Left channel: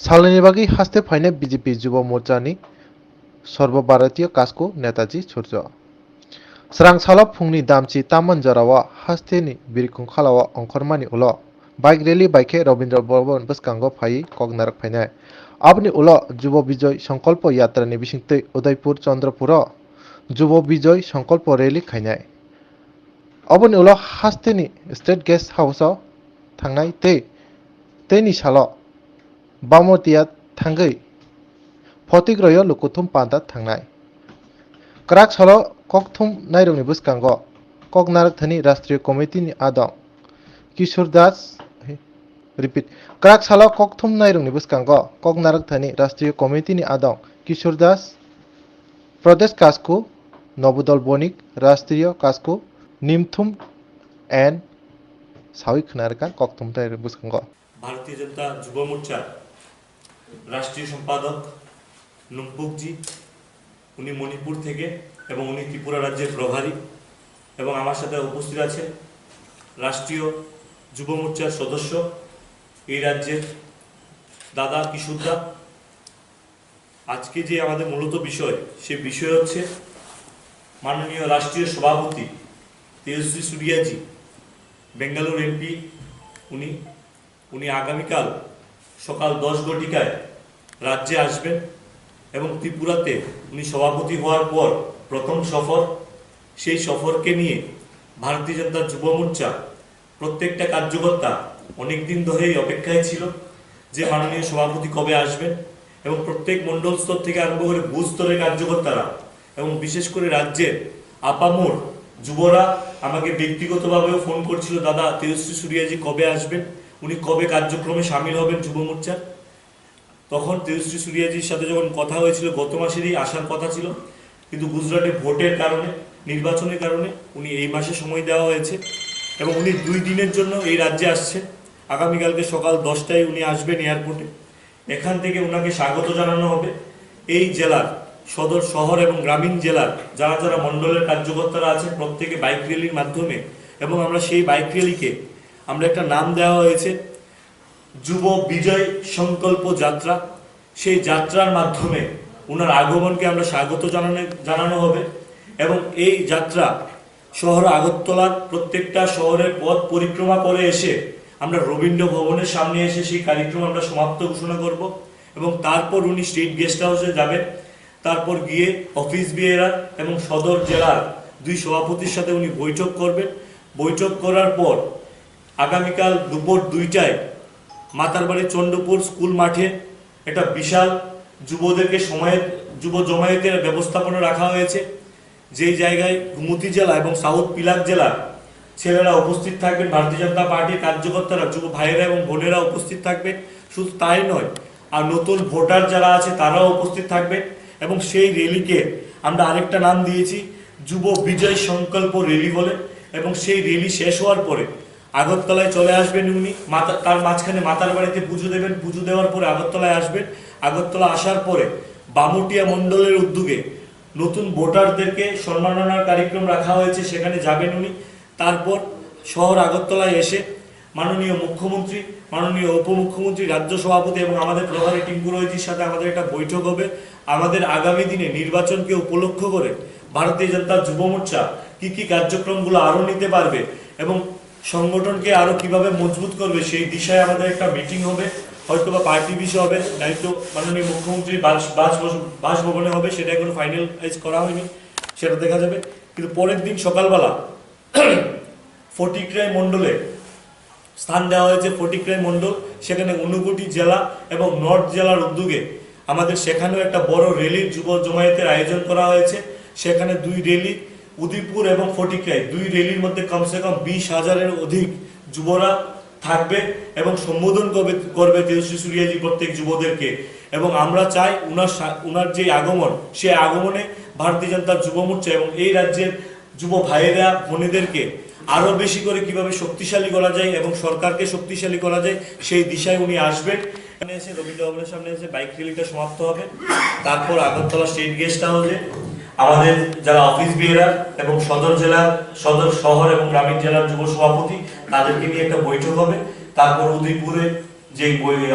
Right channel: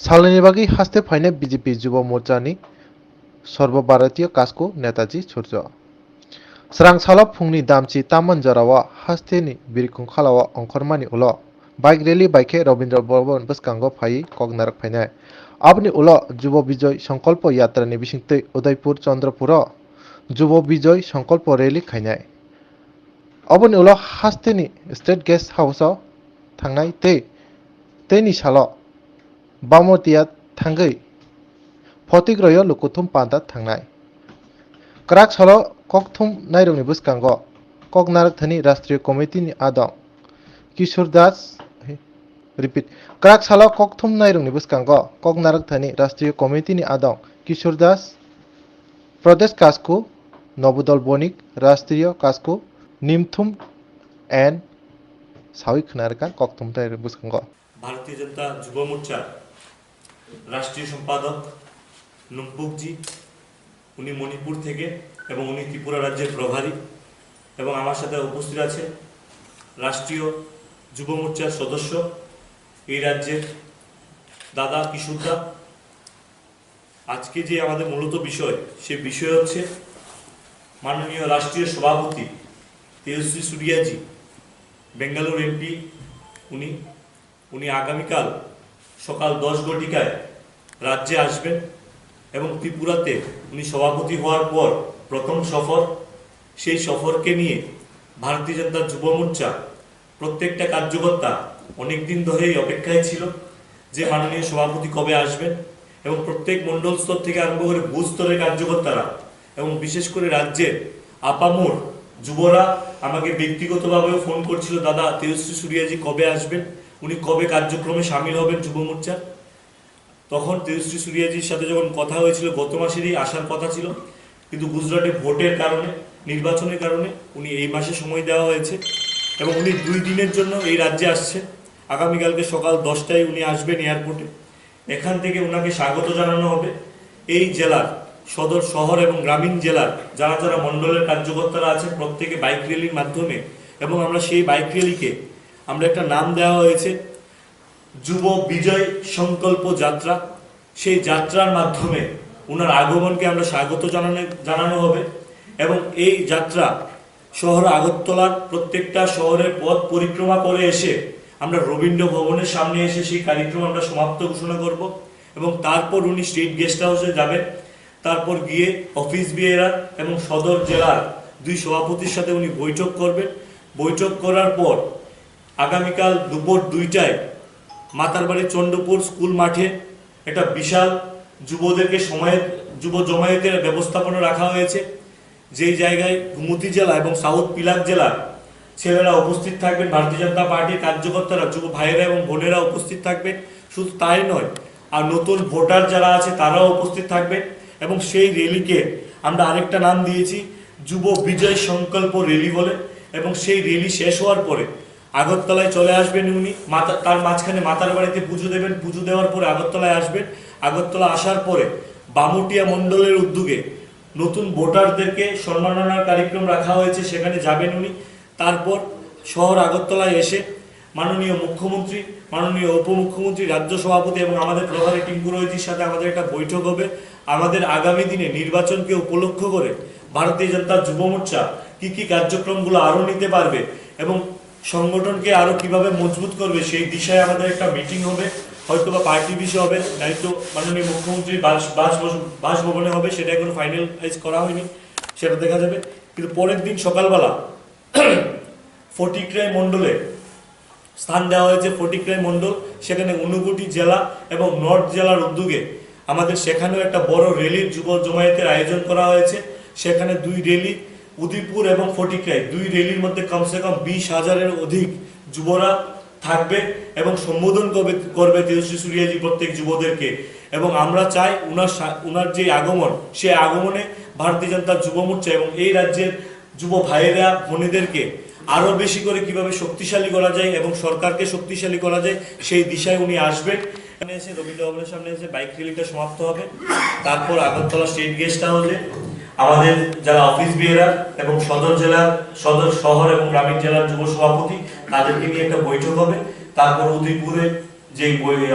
सालनि बागै हास्ते फाइनाय बीजेपी युवा मोर्चानि सर्वभारतीय कास्को नेताजी सूर्य स्रां सालाव फुंनि दामची तामन जरावा हास्तेनि बिरखं खालावा अंखरमानि उल बाइक रैली बाइके रवीन्द्र भवन बसकांगो phi कगनारक फाइनाय abni ulo Jubo Bijoy Sankalpo Yatrani bisingtwi Udaipur Chandrapur Jubo Bijoy Sankalpo rally khainai aboni ulo hasteni State Guest House thangnai teini salo Bamotia thangai Photigroyo Lukuthum Panda thangnai Krak salo Kokthum Nairungni buskango Kognarak Thani Rastriya Committee ni Adong Kishore Das Repeat Krak salo Kokthum Nairungni buskango Kognarak Thani Rastriya Committee ni Adong Kishore Das Pradesh Kasku Nobudol Bonik Rastriya Kasku Nimthum and Sawi Khnarka Kokthum Nairung buskango Bharatiya Janata Yuva Morcha राष्ट्रीय सम्पादक নুম্পুকজি উনি মণিপুর থেকে এবং উনি ত্রিপুরা রাজ্যের প্রভারী এবং আমার সাথে উপস্থিত আছেন রাষ্ট্রীয় যুব মোর্চার সদস্য এই রাজ্যের দাদা কিশোরদা। আজকে যে আমাদের মূলত বিষয় সে বিষয় হচ্ছে মাননীয় রাষ্ট্রীয় সভাপতি তেজস্বী সূর্যাজি বেঙ্গালুরু এমপি উনি আগামীকাল সকাল 10 ঘটিকায় রাজ্যে আসবেন এবং ত্রিপুরাতে উনি সভাপতি হওয়ার পর প্রথম সফর, সেই সফরকে নিয়ে ভারতীয় জনতা যুব মোর্চা প্রত্যেকটা কার্যকর্তা অনেকদিন ধরেই অপেক্ষায় ছিল যে মাননীয় সভাপতি কবে আসবেন এবং প্রত্যেক মণ্ডল স্তর থেকে আরম্ভ করে বুথ স্তরের কার্যকর্তারা এবং বিশেষ করে রাজ্যের আপামোর যুবরা আমাকে ব্যক্তিগতভাবেও ফোন করছিল, দাদা তেজস্বী সূর্যাজি কবে আসবেন, উনি কবে কার্যক্রমে সামিল হবেন যুব মোর্চার। তখন তেজস্বী সূর্যাজির সাথে যখন কথা হয়েছিল গত মাসেরই আসার কথা ছিল, কিন্তু গুজরাটে ভোটের কারণে নির্বাচনের কারণে উনি এই মাসে সময় দেওয়া হয়েছে এবং উনি 2 দিনের জন্য এই রাজ্যে আসছেন। আগামীকালকে সকাল 10টায় উনি আসবেন এয়ারপোর্টে। এখান থেকে ওনাকে স্বাগত জানানো হবে এই জেলার সদর শহর এবং গ্রামীণ জেলার যারা যারা মণ্ডলের কার্যকর্তারা আছেন প্রত্যেকে বাইক র্যালির মাধ্যমে, এবং আমরা সেই বাইক র্যালিকে আমরা একটা নাম দেওয়া হয়েছে যুব বিজয় সংকল্প যাত্রা। সেই যাত্রার মাধ্যমে ওনার আগমনকে আমরা স্বাগত জানানো হবে এবং এই যাত্রা শহর আগরতলার প্রত্যেকটা শহরের পথ পরিক্রমা করে এসে আমরা রবীন্দ্র ভবনের সামনে এসে সেই কার্যক্রম আমরা সমাপ্ত ঘোষণা করব এবং তারপর উনি স্টেট গেস্ট হাউসে যাবেন। তারপর গিয়ে অফিস বিএআর এবং সদর জেলার 2 সভাপতির সাথে উনি বৈঠক করবেন। বৈঠক করার পর আগামীকাল দুপুর 2টায় মাতারবাড়ি চন্দ্রপুর স্কুল মাঠে একটা বিশাল যুবদেরকে যুব জমায়েতের ব্যবস্থাপনা রাখা হয়েছে, যেই জায়গায় গুমতি জেলা এবং সাউথ পিলাক জেলার ছেলেরা উপস্থিত থাকবেন, ভারতীয় জনতা পার্টির কার্যকর্তারা যুব ভাইয়েরা এবং বোনেরা উপস্থিত থাকবেন। শুধু তাই নয়, আর নতুন ভোটার যারা আছে তারাও উপস্থিত থাকবেন এবং সেই র্যালিকে আমরা আরেকটা নাম দিয়েছি যুব বিজয় সংকল্প র্যালি বলে। এবং সেই র্যালি শেষ হওয়ার পরে আগরতলায় চলে আসবেন উনি, তার মাঝখানে মাতার বাড়িতে পুজো দেবেন, পুজো দেওয়ার পরে আগরতলায় আসবেন। আগরতলা আসার পরে বামুটিয়া মণ্ডলের উদ্যোগে নতুন ভোটারদেরকে সম্মাননার কার্যক্রম রাখা হয়েছে, সেখানে যাবেন উনি। তারপর শহর আগরতলায় এসে মাননীয় মুখ্যমন্ত্রী, মাননীয় উপমুখ্যমন্ত্রী, রাজ্য সভাপতি এবং আমাদের প্রভারী টিঙ্কু রয়েজির সাথে আমাদের একটা বৈঠক হবে। আমাদের আগামী দিনে নির্বাচনকে উপলক্ষ করে ভারতীয় জনতা যুব মোর্চা কী কী কার্যক্রমগুলো আরও নিতে পারবে এবং সংগঠনকে আরও কিভাবে মজবুত করবে সেই বিষয়ে আমাদের একটা মিটিং হবে, হয়তো বা পার্টি বিষয় হবে, নয়তো মাননীয় মুখ্যমন্ত্রীর বাসভবনে হবে, সেটা এখন ফাইনালাইজ করা হয়নি, সেটা দেখা যাবে। কিন্তু পরের দিন সকালবেলা ফটিকরাই মণ্ডলে স্থান দেওয়া হয়েছে, ফটিকরাই মণ্ডল, সেখানে ঊনকোটি জেলা এবং নর্থ জেলার উদ্যোগে আমাদের সেখানেও একটা বড় র্যালির যুব জমায়েতের আয়োজন করা হয়েছে। সেখানে 2 র্যালি, উদয়পুর এবং ফটিকরাই 2 র্যালির মধ্যে কমসে কম 20,000-এর অধিক যুবরা থাকবে এবং সম্বোধন করবে তেজস্বী সূর্যাজি প্রত্যেক যুবদেরকে। এবং আমরা চাই উনার যে আগমন, সে আগমনে ভারতীয় জনতা যুব মোর্চা এবং এই রাজ্যের যুব ভাইয়েরা বোনেদেরকে আরও বেশি করে কিভাবে শক্তিশালী করা যায় এবং সরকারকে শক্তিশালী করা যায় সেই দিশায় উনি আসবেন। এখানে এসে রবীন্দ্র ভবনের সামনে এসে বাইক র্যালিটা সমাপ্ত হবে। তারপর আগরতলা স্টেট গেস্ট হাউসে আমাদের যারা অফিস বিএআর এবং সদর শহর এবং গ্রামীণ জেলার যুব সভাপতি তাদেরকে নিয়ে একটা বৈঠক হবে। তারপর উদয়পুরে যে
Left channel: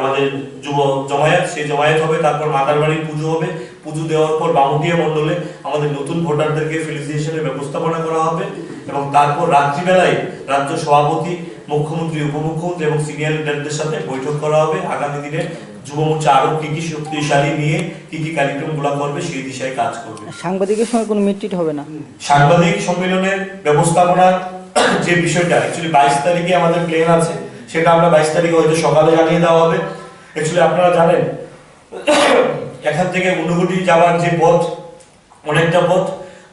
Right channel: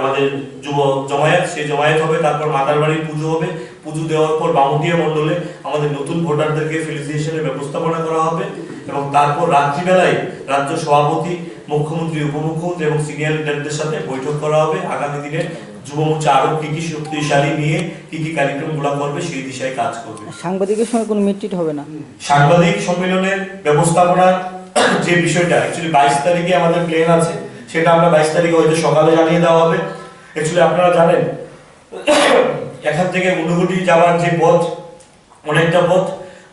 আমাদের যুব জমায়েত, সেই জমায়েত হবে, তারপর মাতার বাড়ির পুজো হবে, পুজো দেওয়ার পর বামুটিয়া মণ্ডলে আমাদের নতুন ভোটারদেরকে ফেলিসিটেশনের ব্যবস্থাপনা করা হবে এবং তারপর রাত্রিবেলায় রাজ্য সভাপতি, মুখ্যমন্ত্রী, উপমুখ্যমন্ত্রী এবং সিনিয়র লিডারদের সাথে বৈঠক করা হবে। আগামী দিনে যুব মোর্চা আরো কি শক্তিশালী নিয়ে কি কার্যক্রমগুলো করবে সেই দিশায় কাজ করবে। সাংবাদিকের সঙ্গে কোনো মিটটিট হবে না? সাংবাদিক সম্মেলনের ব্যবস্থাপনার যে বিষয়টা অ্যাকচুয়ালি 22 তারিখে আমাদের প্ল্যান আছে, সেটা আমরা 22 তারিখে হয়তো সকালে জানিয়ে দেওয়া হবে। অ্যাকচুয়ালি আপনারা জানেন এখান থেকে ঊনকোটি যাওয়ার যে পথ, অনেকটা পথ,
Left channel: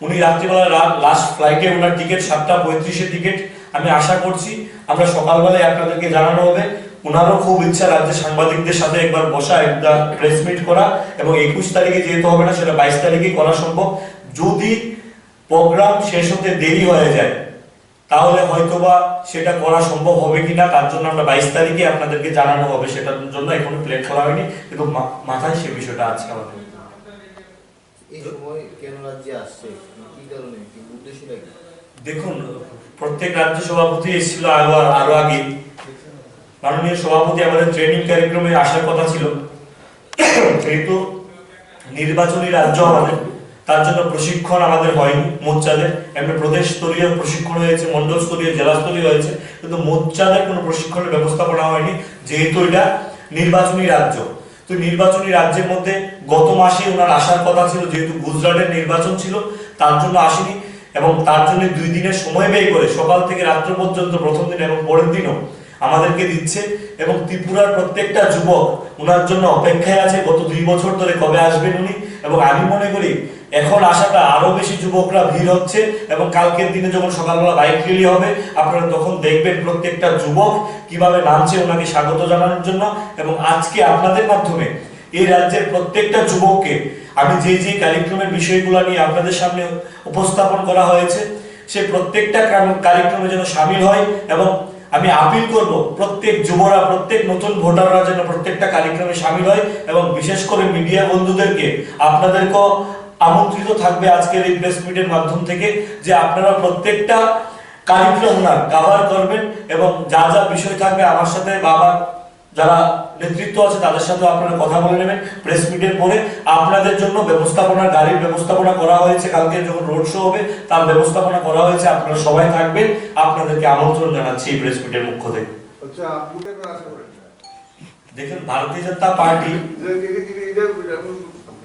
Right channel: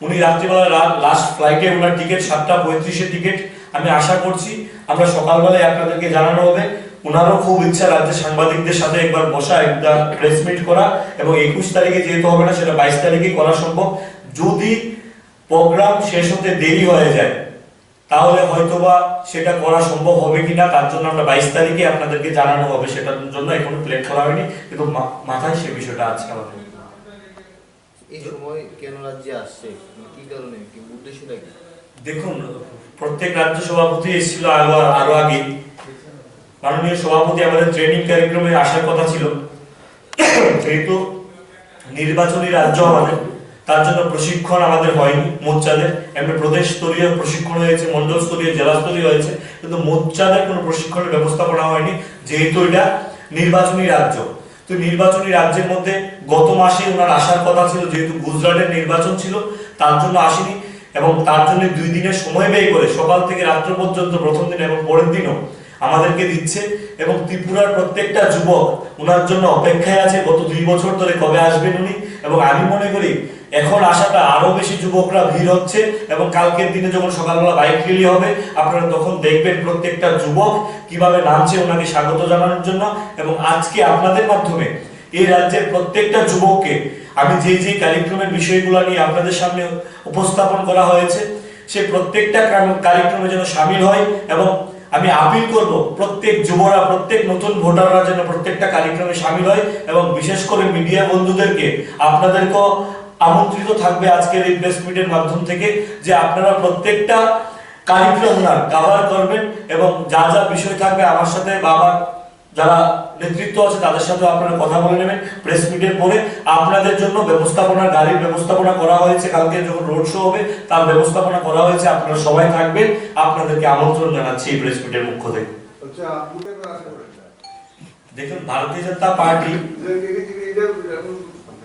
উনি রাত্রিবেলা লাস্ট ফ্লাইটে ওনার টিকিট 7:35 টিকিট। আমি আশা করছি আমরা সকালবেলায় আপনাদেরকে জানানো হবে। ওনারও খুব ইচ্ছা রাজ্যের সাংবাদিকদের সাথে একবার বসা, একটা প্রেস মিট করা, এবং 21 তারিখে যেহেতু হবে না, সেটা 22 তারিখে করা সম্ভব। যদি প্রোগ্রাম শেষ হতে দেরি হয়ে যায় তাহলে হয়তোবা সেটা করা সম্ভব হবে কিনা, তার জন্য আমরা 22 তারিখে আপনাদেরকে জানানো হবে। সেটার জন্য এখনো প্ল্যান করা হয়নি, কিন্তু মাথায় সে বিষয়টা আছে আমাদের। এই সময় কেন রাজ্যে আসছে, কি কারণে, কি উদ্দেশ্যটা কি? দেখুন, প্রত্যেক রাজ্য সভাপতি এসেছিল আরো আগে। মাননীয় সভাপতি আমাদের ট্রেনিং কার্যক্রমে আসার কথা ছিল, যেহেতু নির্বাচনী রাজ্য আমাদের, তার জন্য প্রশিক্ষণ আমাদের হয়নি মোর্চাদের। এমনি প্রদেশ স্তরীয় প্রশিক্ষণ হয়েছে, মন্ডল স্তরীয়, জেলা স্তরীয় হয়েছে, কিন্তু মোর্চাদের কোনো প্রশিক্ষণের ব্যবস্থাপনা হয়নি, যেহেতু এটা নির্বাচনী রাজ্য। তো নির্বাচনী রাজ্যের মধ্যে গত মাসে ওনার আসার কথা ছিল, যেহেতু গুজরাটের নির্বাচন ছিল, তার জন্য আসেনি। এবং তার জন্য 2 দিনের সময় ব্যয় করে সকাল থেকে রাত্র পর্যন্ত প্রথম দিন এবং পরের দিনও আমাদেরকে দিচ্ছে। এবং ত্রিপুরার প্রত্যেকটা যুবক ওনার জন্য অপেক্ষায় আছে, গত 2 বছর ধরে কবে আসবেন উনি। এবং আমি মনে করি এখন আসাটা আরো বেশি যুবকরা ভিড় হচ্ছে, এবং কালকের দিনে যখন সকালবেলা বাইক র্যালি হবে আপনারা তখন দেখবেন প্রত্যেকটা যুবক কিভাবে নামছে ওনাকে স্বাগত জানানোর জন্য। এবং আজকে আপনাদের মাধ্যমে এই রাজ্যের প্রত্যেকটা যুবককে আমি যে কার্যক্রমের বিষয়গুলো নিয়ে আপনাদের সামনে উপস্থাপন করা হয়েছে, সেই প্রত্যেকটা কার্যক্রমে যেন সামিল হয়। এবং আমি আপিল করব প্রত্যেক যুবরা, প্রত্যেক নতুন ভোটাররা যেন প্রত্যেকটা কার্যক্রমে সামিল হয়। এবং বিশেষ করে মিডিয়া বন্ধুদেরকে আপনাদেরকেও আমন্ত্রিত থাকবে আজকের এই প্রেস মিটের মাধ্যম থেকে, যে আপনারা প্রত্যেকটা কার্যক্রম না কভার করবেন, এবং যা যা বিষয় থাকবে আমার সাথে বাবা যারা নেতৃত্ব আছে তাদের সাথে আপনারা কথা বলে নেবেন। প্রেস মিটের পরে আপনাদের জন্য ব্যবস্থাপনার গাড়ির ব্যবস্থাপনা করা হয়েছে, কালকে যখন রোড শো হবে তার ব্যবস্থাপনা করা হয়েছে। আপনারা সবাই থাকবেন, আপনাদেরকে আমন্ত্রণ জানাচ্ছি এই প্রেস মিটের পক্ষ থেকে। আচ্ছা, আপনি কোন আশা করেন? দেখুন, ভারতীয় জনতা পার্টি,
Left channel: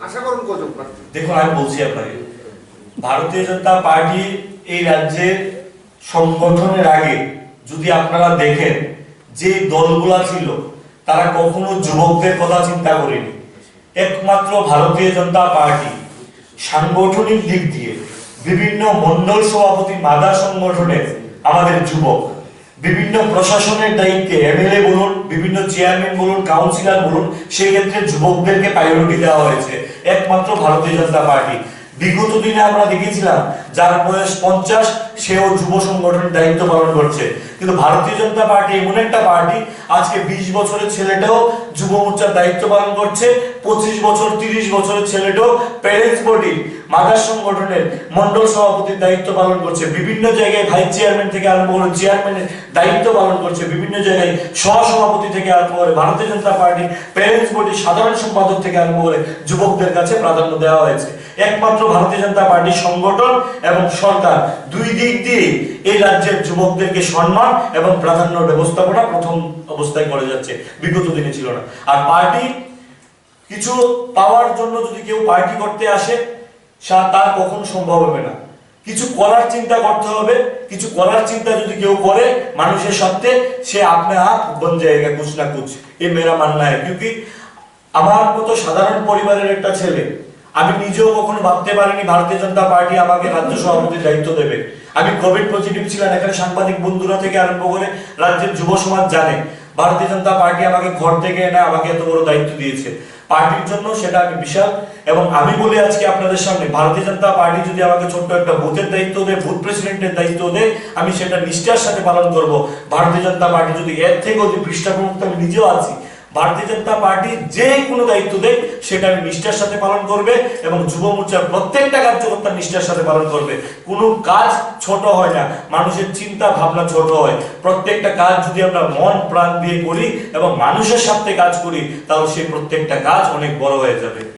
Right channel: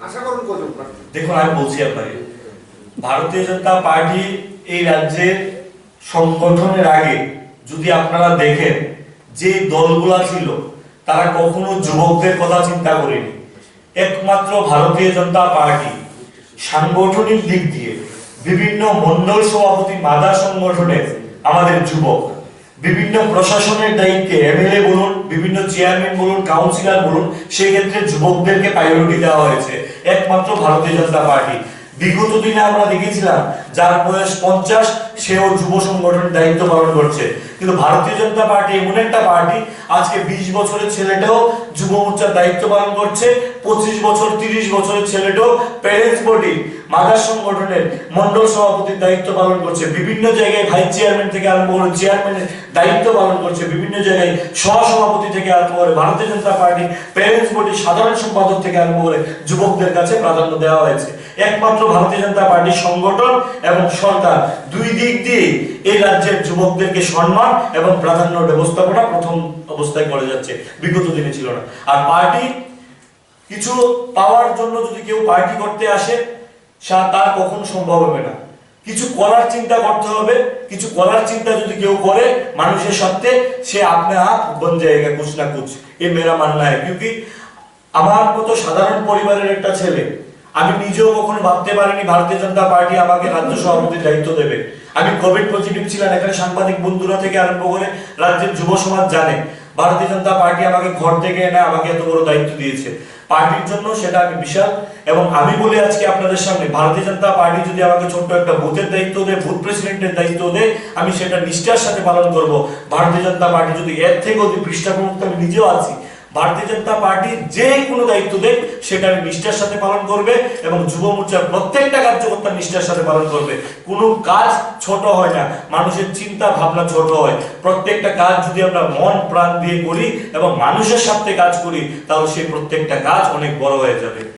আশা করুন কজন? দেখুন আমি বলছি আপনাকে, ভারতীয় জনতা পার্টি এই রাজ্যের সংগঠনের আগে যদি আপনারা দেখেন যে দলগুলা ছিল তারা কখনো যুবকদের কথা চিন্তা করেনি। একমাত্র ভারতীয় জনতা পার্টি সাংগঠনিক দিক দিয়ে বিভিন্ন মন্ডল সভাপতি, মাদা সংগঠনের আমাদের যুবক, বিভিন্ন প্রশাসনের দায়িত্বে এমএলএ বলুন, বিভিন্ন চেয়ারম্যান বলুন, কাউন্সিলর বলুন, সেই ক্ষেত্রে যুবকদেরকে প্রায়োরিটি দেওয়া হয়েছে একমাত্র ভারতীয় জনতা পার্টি। বিগত দিনে আমরা দেখেছিলাম যার বয়স 50 সেও যুব সংগঠনের দায়িত্ব পালন করছে, কিন্তু ভারতীয় জনতা পার্টি এমন একটা পার্টি আজকে 20 বছরের ছেলেটাও যুব মোর্চার দায়িত্ব পালন করছে, 25 বছর 30 বছরের ছেলেটাও প্যারেন্টস বডি মাদার সংগঠনের মন্ডল সভাপতির দায়িত্ব পালন করছে, বিভিন্ন জায়গায় ভাইস চেয়ারম্যান থেকে আরম্ভ করে চেয়ারম্যানের দায়িত্ব পালন করছে, বিভিন্ন জায়গায় সহসভাপতি থেকে আরম্ভ করে ভারতীয় জনতা পার্টি প্যারেন্টস বডি সাধারণ সম্পাদক থেকে আরম্ভ করে যুবকদের কাছে প্রাধান্য দেওয়া হয়েছে। একমাত্র ভারতীয় জনতা পার্টির সংগঠন এবং সরকার দুই দিক দিয়ে এই রাজ্যের যুবকদেরকে সম্মান এবং প্রাধান্য ব্যবস্থাপনা প্রথম অবস্থায় করে যাচ্ছে, বিগত দিনে ছিল না। আর পার্টি কিছু পাওয়ার জন্য যদি কেউ পার্টি করতে আসে তার কখনো সম্ভব হবে না। কিছু করার চিন্তা করতে হবে, কিছু করার চিন্তা যদি কেউ করে মানুষের সাথে, সে আপনি आप बन जाएगा कुछ ना कुछ, ये मेरा मानना है। क्योंकि আমার মতো সাধারণ পরিবারের একটা ছেলে, আমি নিজেও কখনো ভাবতে পারিনি ভারতীয় জনতা পার্টি আমাকে রাজ্য সভাপতির দায়িত্ব দেবে। আমি কোভিড পজিটিভ ছিলাম, এখানে সাংবাদিক বন্ধুরা থেকে আরম্ভ করে রাজ্যের যুব সমাজ জানে ভারতীয় জনতা পার্টি আমাকে ঘর থেকে এনে আমাকে এত বড় দায়িত্ব দিয়েছে পার্টির জন্য, সেটা আমি বিশাল। এবং আমি বলি আজকে আপনাদের সামনে, ভারতীয় জনতা পার্টি যদি আমাকে ছোট্ট একটা বুথের দায়িত্ব দেয়, বুথ প্রেসিডেন্টের দায়িত্ব দেয়, আমি সেটা নিষ্ঠার সাথে পালন করব। ভারতীয় জনতা পার্টি যদি এর থেকে অতি পৃষ্ঠা প্রমুখ, আমি নিজেও আছি, ভারতীয় জনতা পার্টি যে কোনো দায়িত্ব দেখ সেটা আমি নিষ্ঠার সাথে পালন করবে এবং যুব মোর্চার প্রত্যেকটা কার্যকর্তা নিষ্ঠার সাথে পালন করবে। কোনো কাজ ছোট হয় না, মানুষের চিন্তা ভাবনা ছোট হয়। প্রত্যেকটা কাজ যদি আমরা মন প্রাণ দিয়ে করি এবং মানুষের সাথে কাজ করি তাহলে সেই প্রত্যেকটা কাজ অনেক বড় হয়ে যাবে।